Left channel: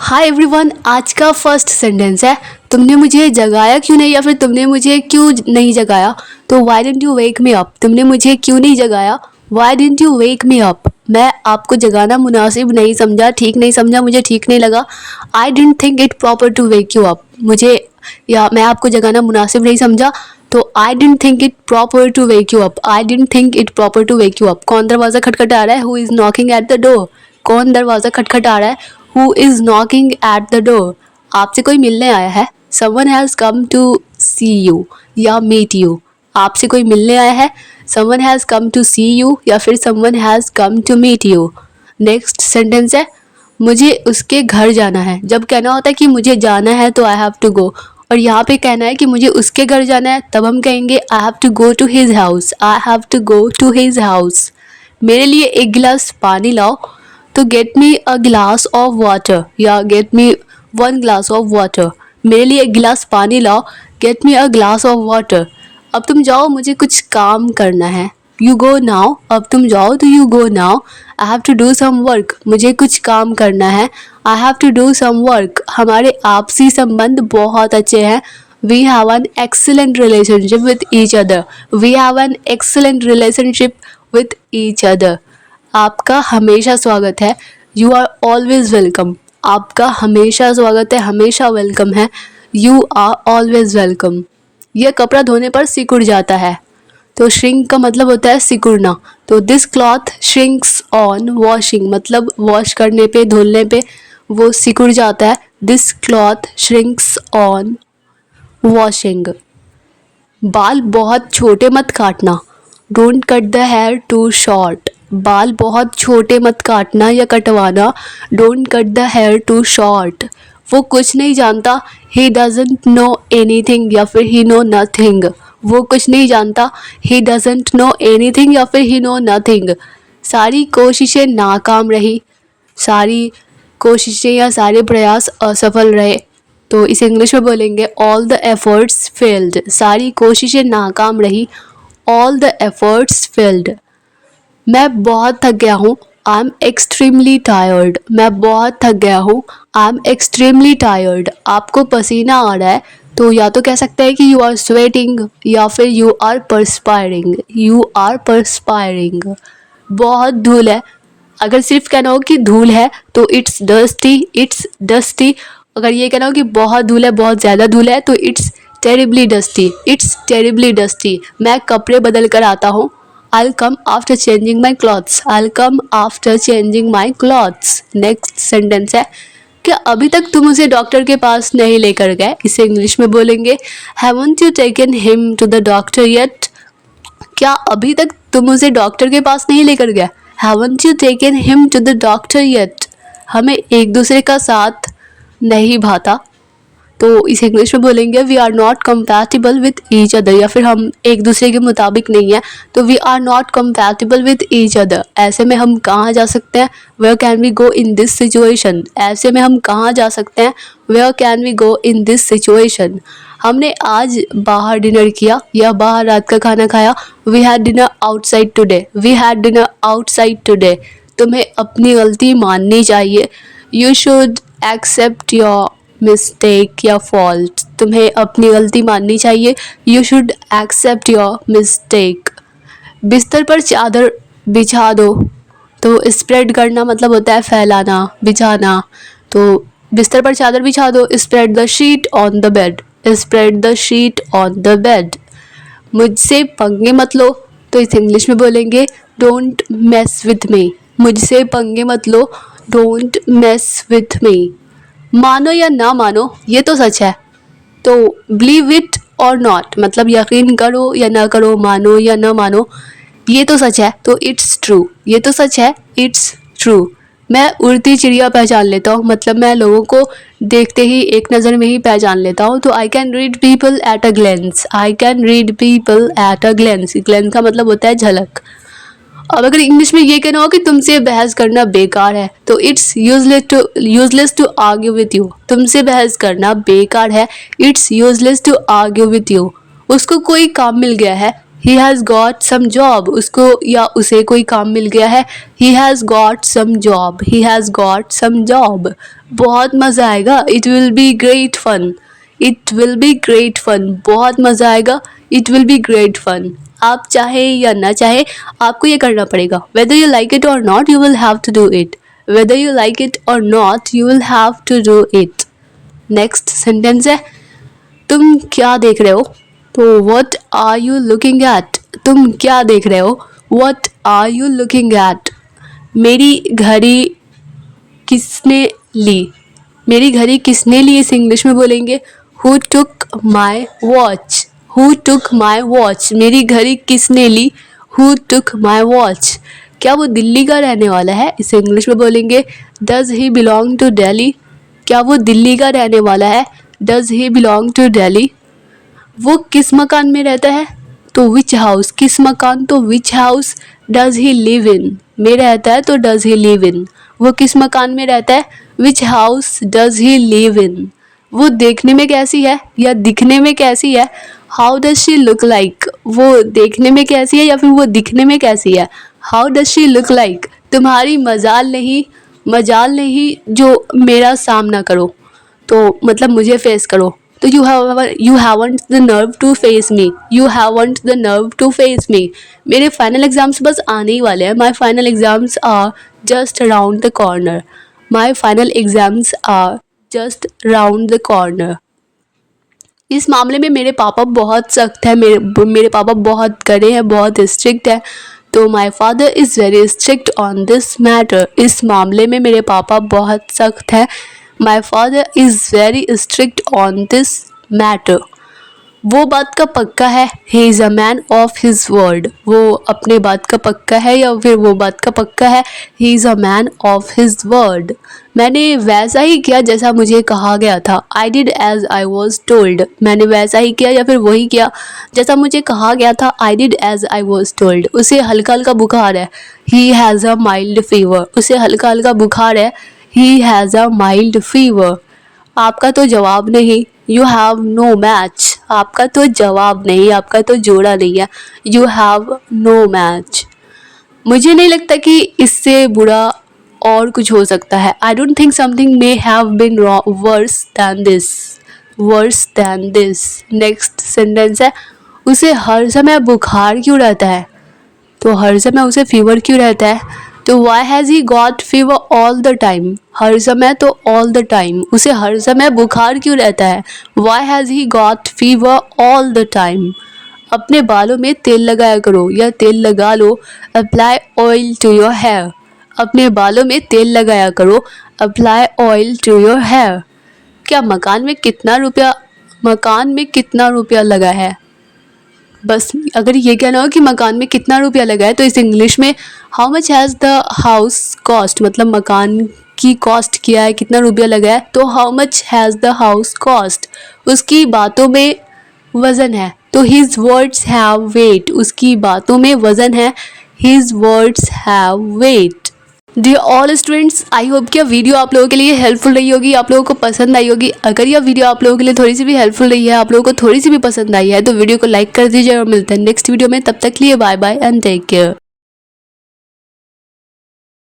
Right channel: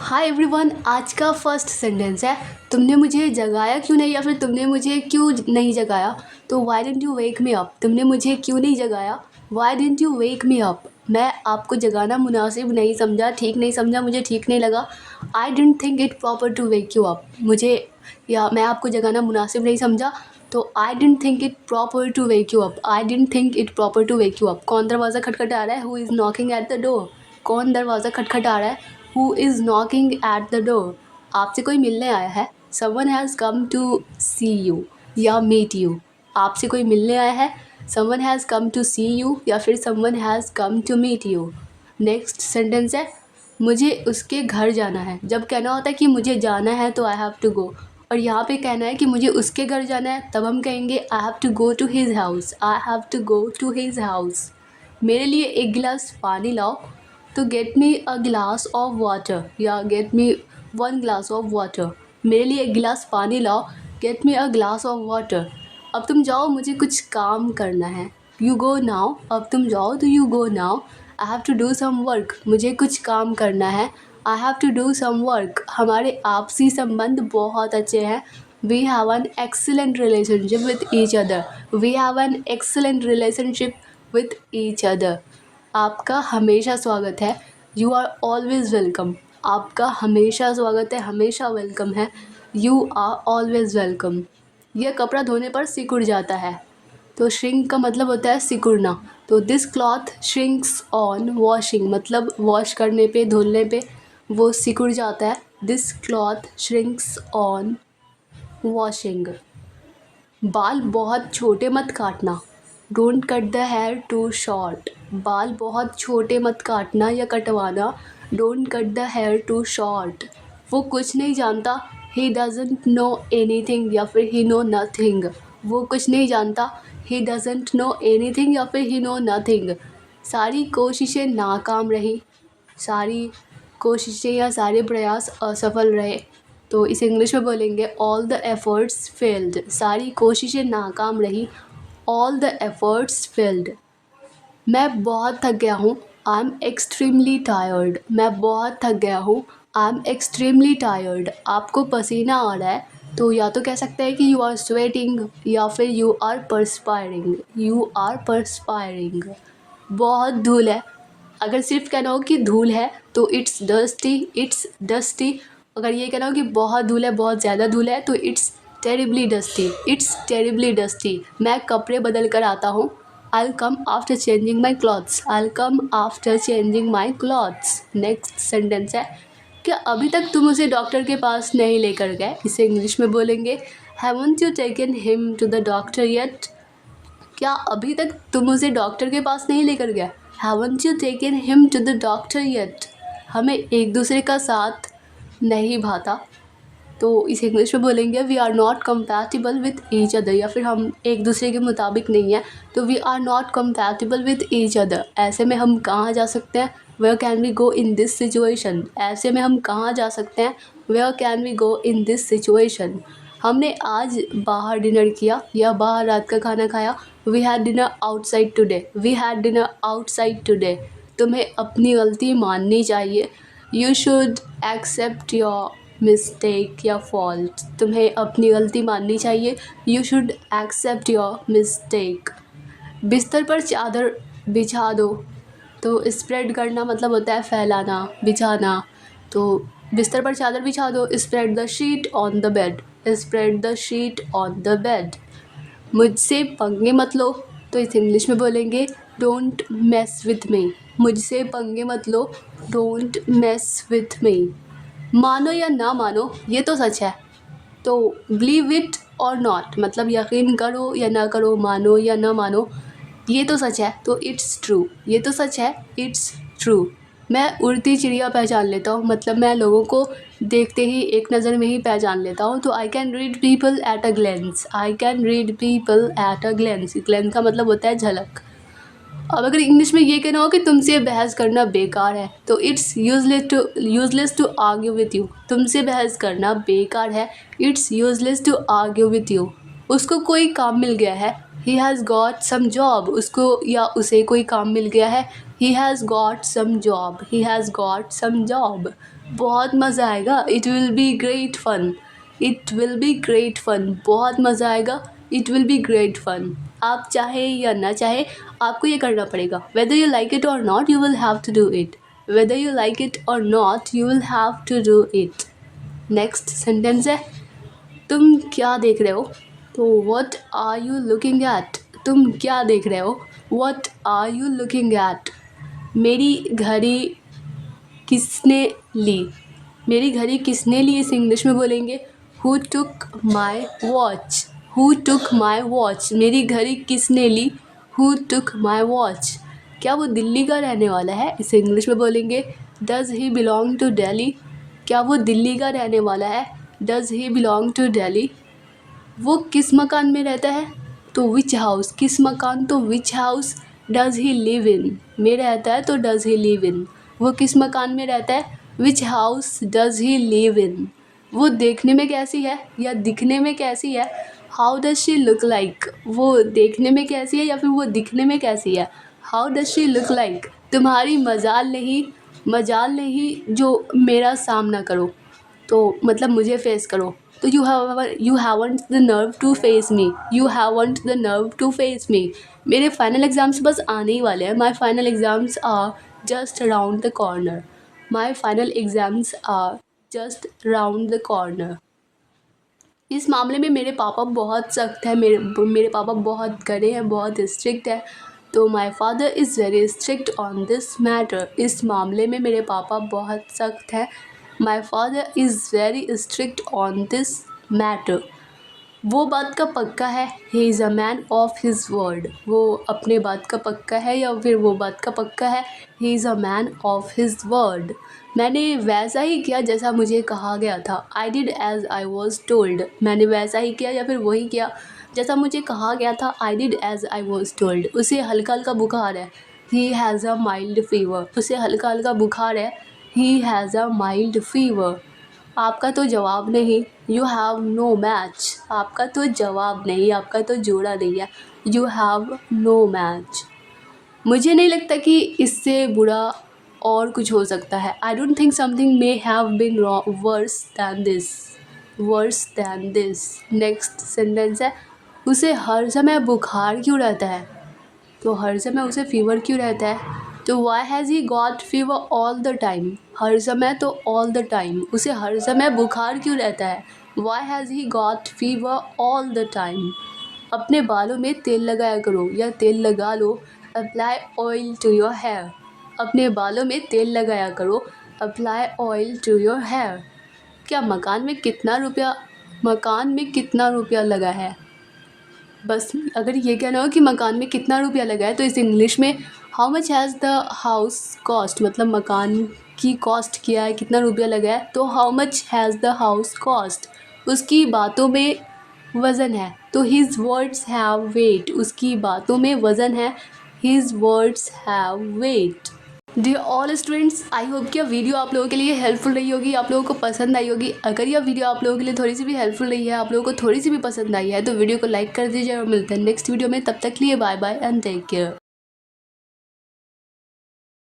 Hi everyone, आज का first sentence है तुमने मुझे जगाया क्यों नहीं, या फिर तुमने मुझे क्यों नहीं जगाया। तो why didn't you wake me up, तुमने मुझे क्यों नहीं जगाया। Why didn't you wake me up, मैं आपको जगाना मुनासिब नहीं समझा, ठीक नहीं समझा, मुझे ठीक नहीं लगा। I didn't think it proper to wake you up, मुझे या मैं आपको जगाना मुनासिब नहीं समझा। तो I didn't think it proper to wake you up, I didn't think it proper to wake you up. कौन दरवाज़ा खटखटा रहा है, who is knocking at the door. कौन दरवाज़ा खटखटा रहा है, who is knocking at the door. आपसे कोई मिलने आया है, someone has come to see you या मीट यू। आपसे कोई मिलने आया है, someone has come to see you या फिर someone has come to meet you. Next sentence है मुझे उसके घर जाना है। जब कहना होता है कि मुझे जाना है तो आई हैव टू गो, और यहाँ पे कहना है कि मुझे उसके घर जाना है, तब हम कहेंगे I have to go to his house, I have to go to his house. मेरे लिए एक गिलास पानी लाओ, तो गेट मी अ गिलास ऑफ वाटर या get me one glass of water. मेरे लिए एक गिलास पानी लाओ, get me a glass of water. अब तुम जाओ, मुझे कुछ काम करना है। यू गो नाउ, अब तुम जाओ तो you go now. I have to do some work, मुझे कुछ काम करना है। I have to do some work. हमारे आपसी संबंध बहुत अच्छे हैं। We have an excellent relationship with each other, we have an excellent relationship with each other. आपका हमेशा स्वागत है, यू आर ऑलवेज वेलकम। आपका हमेशा स्वागत है, हमेशा वेलकम है, यू आर ऑलवेज वेलकम। यह कपड़ा धोने पर सिकुड़ जाता है, तो श्रिंक का मतलब होता है सिकुड़ना। तो this cloth shrinks on washing, मतलब वॉश करने पे, धुलने पे वो सिकुड़ जाता है। This cloth shrinks on washing. बाल बहुत छोटे मत काटना, don't cut the hair too short. बाल बहुत छोटे मत काटना या कटवाना, don't cut the hair too short. वो कुछ नहीं जानता, ही डजंट नो एनीथिंग या फिर ही नो नथिंग। वो कुछ नहीं जानता, ही डजंट नो एनीथिंग या फिर ही नो नथिंग। सारी कोशिशें नाकाम रही, सारी कोशिशें या सारे प्रयास असफल रहे। तो इसे इंग्लिश में बोलेंगे ऑल द एफर्ट्स फेल्ड। सारी कोशिशें नाकाम रही, ऑल द एफर्ट्स फेल्ड। मैं बहुत थक गया हूँ, आई एम एक्सट्रीमली टायर्ड। मैं बहुत थक गया हूँ, आई एम एक्सट्रीमली टायर्ड। आपको पसीना आ रहा है, तो या तो कह सकते हैं कि यू आर स्वेटिंग या फिर यू आर परस्पायरिंग, यू आर परस्पायरिंग। बहुत धूल है, अगर सिर्फ कहना हो कि धूल है तो इट्स डस्टी, इट्स डस्टी। अगर ये कहना हो कि बहुत धूल है, बहुत ज़्यादा धूल है, तो it's terribly dusty, it's terribly dusty. मैं कपड़े बदल कर आता हूँ, I'll come after changing my clothes, I'll come after changing my clothes। Next sentence है क्या अभी तक तुम उसे डॉक्टर के पास नहीं लेकर गए। इसे इंग्लिश में बोलेंगे Haven't you taken him to the doctor yet। क्या अभी तक तुम उसे डॉक्टर के पास नहीं लेकर गए। Haven't you taken him to the doctor yet। हमें एक दूसरे का साथ नहीं भाता, तो इसे इंग्लिश में बोलेंगे we are not compatible with each other, या फिर हम एक दूसरे के मुताबिक नहीं है, तो we are not compatible with each other. ऐसे में हम कहाँ जा सकते हैं, where can we go in this situation. ऐसे में हम कहाँ जा सकते हैं, where can we go in this situation. हमने आज बाहर डिनर किया या बाहर रात का खाना खाया, we had dinner outside today, we had dinner outside today. तुम्हें अपनी गलती माननी चाहिए, you should accept your mistake या फॉल्ट। तुम्हें अपनी गलती माननी चाहिए, you should accept your mistake. बिस्तर पर चादर बिछा दो, तो स्प्रेड करना मतलब होता है फैलाना, बिछाना। तो बिस्तर पर चादर बिछा दो, spread the sheet on the bed, spread the sheet on the bed. मुझसे पंगे मत लो, तो इसे इंग्लिश में बोलेंगे डोंट मेस विथ मी। मुझसे पंगे मत लो, डोंट मेस विथ मी। मानो या ना मानो, ये तो सच है, तो बिलीव इट और नॉट, मतलब यकीन करो या ना करो, मानो या ना मानो, ये तो सच है, तो इट्स ट्रू। ये तो सच है, इट्स ट्रू। मैं उड़ती चिड़िया पहचान लेता हूँ, मतलब मैं लोगों को देखते ही एक नज़र में ही पहचान लेता हूँ। तो I can read people at a glens, I can read people at a glens. Glens का मतलब होता है झलक। अब अगर इंग्लिश में ये कहना हो कि तुमसे बहस करना बेकार है, तो it's useless to argue with you. तुमसे बहस करना बेकार है, it's useless to argue with you. उसको कोई काम मिल गया है, he has got some job, उसको या उसे कोई काम मिल गया है। He has got some job, he has got some job. बहुत मज़ा आएगा, it will be great fun, it will be great fun. बहुत मज़ा आएगा, it will be great fun. आप चाहे या ना चाहे आपको ये करना पड़ेगा। Whether you like it or not you will have to do it, whether you like it or not you will have to do it. Next sentence है तुम क्या देख रहे हो, तो what are you looking at, तुम क्या देख रहे हो, what are you looking at. मेरी घड़ी किसने ली, मेरी घड़ी किसने ली, इस इंग्लिश में बोलेंगे who took my watch, who took my watch. मेरी घड़ी किसने ली, हु टुक माई वॉच। क्या वो दिल्ली का रहने वाला है, इसे इंग्लिश में बोलेंगे does he belong to Delhi, क्या वो दिल्ली का रहने वाला है, does he belong to Delhi. वो किस मकान में रहता है, तो विच हाउस, किस मकान तो विच house. Does he live in, में रहता है तो डज ही लिव इन। वो किस मकान में रहता है, विच house does he live in. वो देखने में कैसी है या दिखने में कैसी है, how does she look like. वो देखने में कैसी है या फिर वो दिखने में कैसी है, how does she look like. तुम्हारी मजाल नहीं जो मेरा सामना करो, तो मतलब मुझे फेस करो। तो you haven't the nerve to face me, you haven't the nerve to face me. मेरे फाइनल एग्जाम्स बस आने ही वाले हैं, my final exams are just around the corner, my final exams are just round the corner. इस मामले में मेरे पापा बहुत सख्त है, मेरे पापा बहुत कड़े हैं, बहुत स्ट्रिक्ट है। तो my father is very strict on this matter, इस मामले में मेरे पापा बहुत सख्त है। My father is very strict on this matter. वो बात का पक्का है, he is a man of his word. वो अपने बात का पक्का है या फिर वो बात का पक्का है, he is a man of his word. मैंने वैसा ही किया जैसा मुझे कहा गया था, I did as I was told. मैंने वैसा ही किया या फिर वही किया जैसा मुझे कहा गया था, I did as I was told. उसे हल्का हल्का बुखार है, he has a mild fever. उसे हल्का हल्का बुखार है, he has a mild fever. आपका तो जवाब नहीं, यू हैव नो मैच। आपका तो जवाब नहीं, आपका तो जोड़ा नहीं है, यू हैव नो मैच। मुझे नहीं लगता कि इससे बुरा और कुछ हो सकता है। I don't think something may have been worse than this, worse than this. Next sentence है उसे हर समय बुखार क्यों रहता है, तो हर समय उसे फीवर क्यों रहता है, तो why has he got fever all the time. हर समय तो ऑल द टाइम, उसे हर समय बुखार क्यों रहता है, why has he got fever all the time. अपने बालों में तेल लगाया करो या तेल लगा लो, apply oil to your hair. अपने बालों में तेल लगाया करो, apply oil to your hair. क्या मकान में कितना रुपया लगा है। बस अगर ये कहना हो कि मकान में कितना रुपया लगा है, तो इस इंग्लिश में how much has the house cost, मतलब मकान की कॉस्ट क्या है, कितना रुपया लगा है, तो how much has the house cost. उसकी बातों में वज़न है, तो हिज वर्ड्स हैव वेट। उसकी बातों में वज़न है, his words have weight. Dear all students, I hope कि यह वीडियो आप लोगों के लिए हेल्पफुल रही होगी, आप लोगों को पसंद आई होगी। अगर यह वीडियो आप लोगों के लिए थोड़ी सी भी हेल्पफुल रही है, आप लोगों को थोड़ी सी भी पसंद आई है, तो वीडियो को लाइक कर दीजिए और मिलते हैं नेक्स्ट वीडियो में। तब तक के लिए bye bye and take care.